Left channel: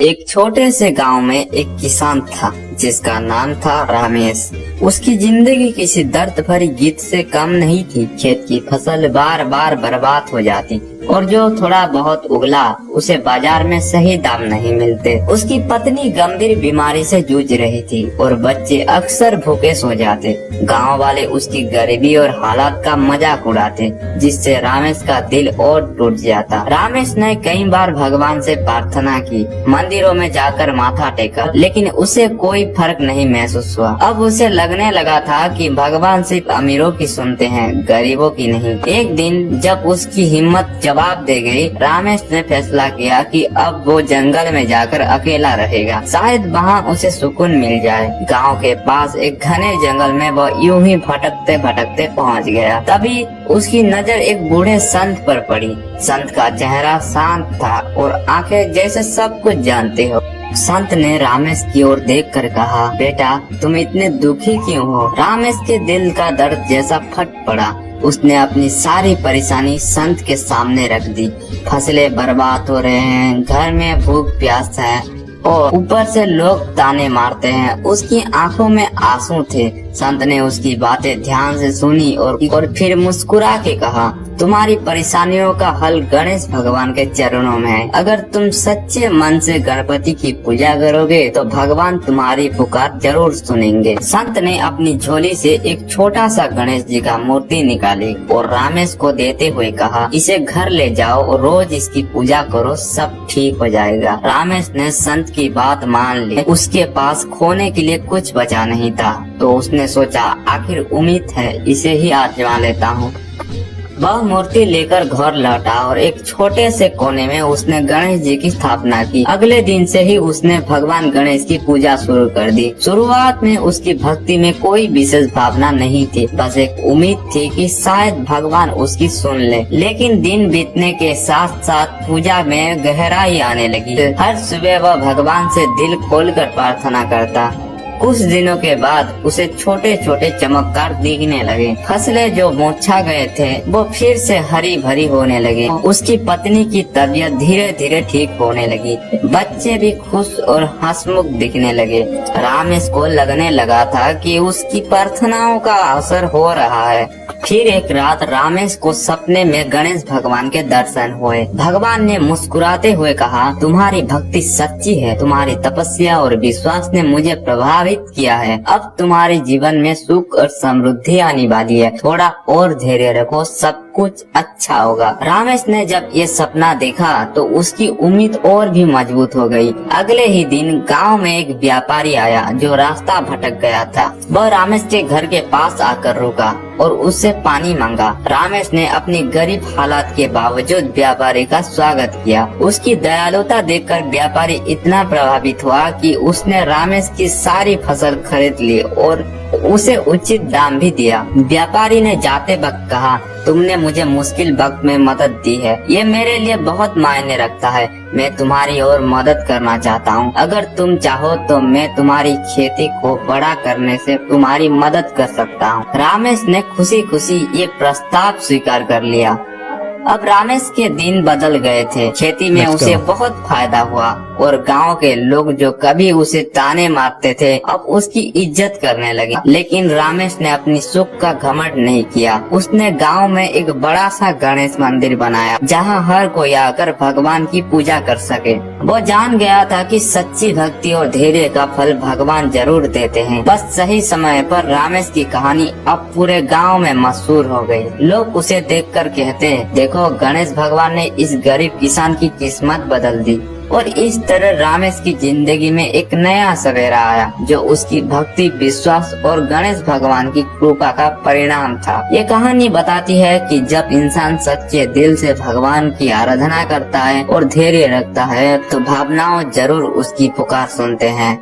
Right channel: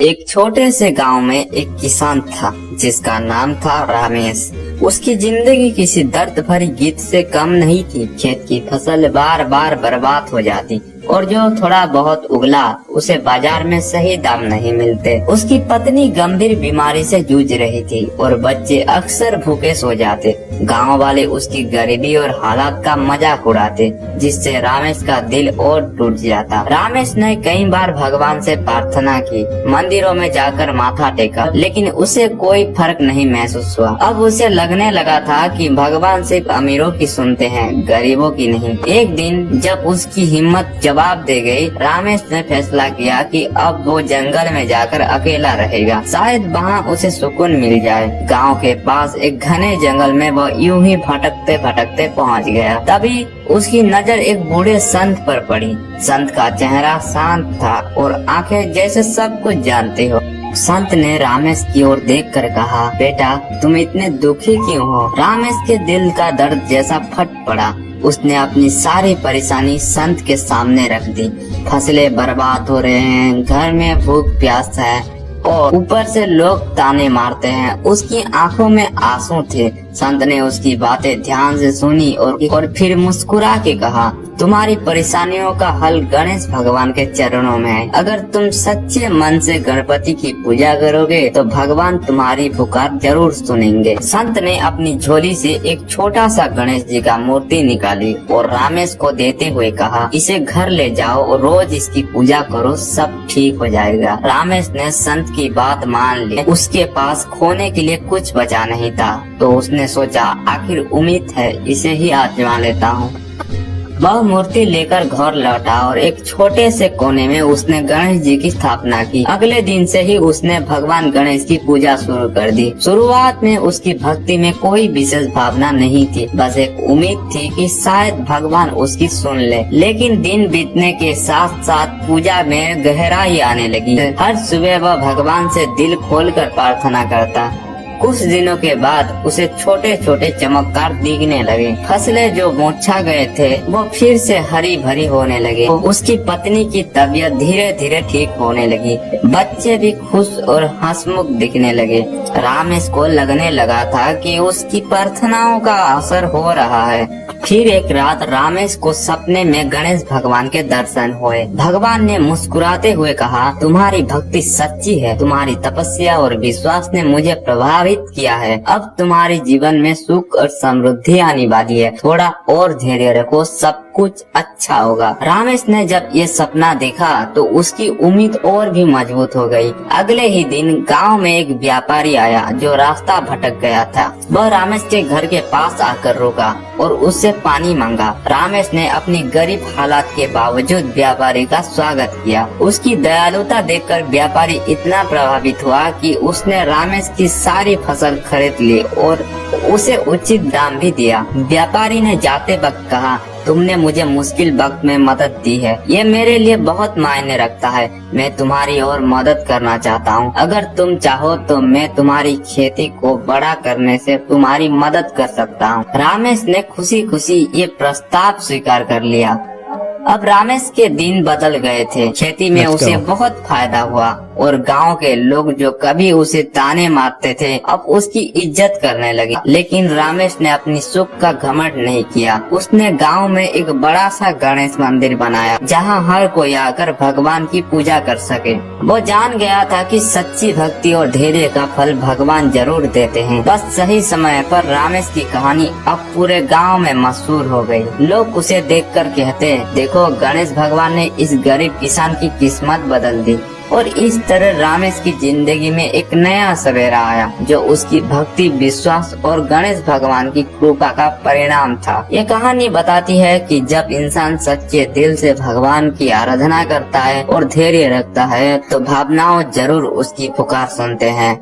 एक छोटे से गांव में एक किसान था जिसका नाम था रमेश। उसकी जिंदगी किसी दर्द भरी गीत से कम नहीं थी। खेत की फसल बार बार बर्बाद हो जाती और जो थोड़ा बहुत उगला उसे बाजार में सही दाम नहीं मिलते। उसकी पत्नी गंभीर बीमारी से जूझ रही थी और बच्चे अक्सर भूखे सो जाते। गांव वाले उसकी गरीबी और हालात का मजाक उड़ाते, जिससे रमेश का दिल और टूट जाता। रमेश ने कई बार भगवान से प्रार्थना की, मंदिरों में जाकर माथा टेका, लेकिन उसे कोई फर्क नहीं महसूस हुआ। अब उसे लगने लगा था कि भगवान सिर्फ अमीरों की सुनते हैं, गरीबों की नहीं। एक दिन जब उसकी हिम्मत जवाब दे गई, रमेश ने फैसला किया कि अब वो जंगल में जाकर अकेला रहेगा, शायद वहाँ उसे सुकून मिल जाए। गांव के पास एक घने जंगल में वो यूं ही भटकते भटकते पहुँच गया। तभी उसकी नजर एक बूढ़े संत पर पड़ी। संत का चेहरा शांत था और आंखें जैसे सब कुछ जानते हो। संत ने रमेश की ओर देखकर कहा, बेटा तुम इतने दुखी क्यों हो? रमेश के दिल का दर्द जैसा फट पड़ा। उसने अपनी सारी परेशानी संत के सामने रख दी। फसलें बर्बाद हो रहे हैं, घर में भूख प्यास है और ऊपर से लोग ताने मारते हैं। उसकी आंखों में आंसू थे। संत ने उसकी बातें ध्यान से सुनी और फिर मुस्कुरा के कहा, तुम्हारी परेशानियों का हल गणेश भगवान के चरणों में है। अगर तुम सच्चे मन से गणपति की पूजा करोगे तो भगवान तुम्हारी पुकार जरूर सुनेंगे। संत ने अपनी झोली से एक छोटा सा गणेश जी का मूर्ति निकाली और रमेश को देते हुए कहा, इसे घर ले जाओ और रोज इसकी पूजा करो, सब ठीक हो जाएगा। रमेश ने संत की बात मान ली। उसके पास खोने के लिए कुछ बचा नहीं था, तो उसने सोचा आखिर उम्मीद है, इसे ही आजमा लेता हूँ। वह मूर्ति लेकर घर लौटा और एक छोटे से कोने में उसने गणेश जी की स्थापना की। अगले दिन से ही उसने भगवान गणेश की पूजा शुरू कर दी। शुरुआत में उसकी भक्ति में कोई विशेष भावना नहीं थी, बस एक उम्मीद थी कि शायद भगवान उसकी सुन ले। लेकिन दिन बीतने के साथ साथ पूजा में गहराई आने लगी। हर सुबह वह भगवान से दिल खोलकर प्रार्थना करता। कुछ दिनों के बाद उसे छोटे छोटे चमत्कार दिखने लगे। फसलें जो मुरझा गए थे वो फिर से हरी भरी होने लगे। उसकी पत्नी की तबीयत धीरे धीरे ठीक होने लगी। बच्चे भी खुश और हंसमुख दिखने लगे। रमेश को लगने लगा था कि उसकी प्रार्थनाओं का असर हो रहा है। फिर एक रात रमेश को सपने में गणेश भगवान के दर्शन हुए। भगवान ने मुस्कुराते हुए कहा, तुम्हारी भक्ति सच्ची है, तुम्हारी तपस्या और विश्वास ने मुझे प्रभावित किया है। अब तुम्हारे जीवन में सुख और समृद्धि आने वाली है, थोड़ा और धैर्य रखो, सब कुछ अच्छा होगा। रमेश ने जब ये सपना देखा तो उसकी उम्मीद और भी मजबूत हो गई। अगले ही दिन गांव में एक व्यापारी आया जो रास्ता भटक गया था। वह रमेश के घर के पास आकर रुका और उससे पानी मांगा। रमेश ने अपनी गरीब हालात के बावजूद व्यापारी का स्वागत किया। उसकी दयालुता देखकर व्यापारी इतना प्रभावित हुआ कि उसने रमेश की सारी फसल खरीद ली और उसे उचित दाम भी दिया। व्यापारी ने जाते वक्त कहा, तुमने मुझे मुश्किल वक्त में मदद दी है, ये मेरे लिए बहुत मायने रखता है। मैं तुम्हारी और मदद करना चाहता हूँ। अगर तुम चाहो तो मैं तुम्हारी खेती को बड़ा करने से तुम्हारी मदद कर सकता हूँ। रमेश ने खुशी खुशी ये प्रस्ताव स्वीकार कर लिया। अब रमेश के दिन बदल गए थे। खेती में उसे बहुत फायदा हुआ और गांव के लोग जो कभी उसे ताने मारते थे अब उसकी इज्जत करने लगे। लेकिन रमेश ने अपनी सुख का घमंड नहीं किया। उसने गांव में एक बड़ा सा गणेश मंदिर बनाया जहां हर कोई आकर भगवान की पूजा कर सके। वो जान गया था कि सच्ची भक्ति और धैर्य का फल भगवान जरूर देते हैं। बस सही समय पर रमेश की कहानी अब पूरे गाँव में मशहूर हो गयी। लोग उसे देख कर कहते हैं, देखो गणेश भगवान ने इस गरीब किसान की किस्मत बदल दी। और इस तरह रमेश की जिंदगी में एक नया सवेरा आया जो उसकी भक्ति, विश्वास और गणेश भगवान की कृपा का परिणाम था। ये कहानी बताती है कि जब इंसान सच्चे दिल से भगवान की आराधना करता है और धैर्य रखता है तो भावनाओं जरूर उसकी पुकार सुनते हैं।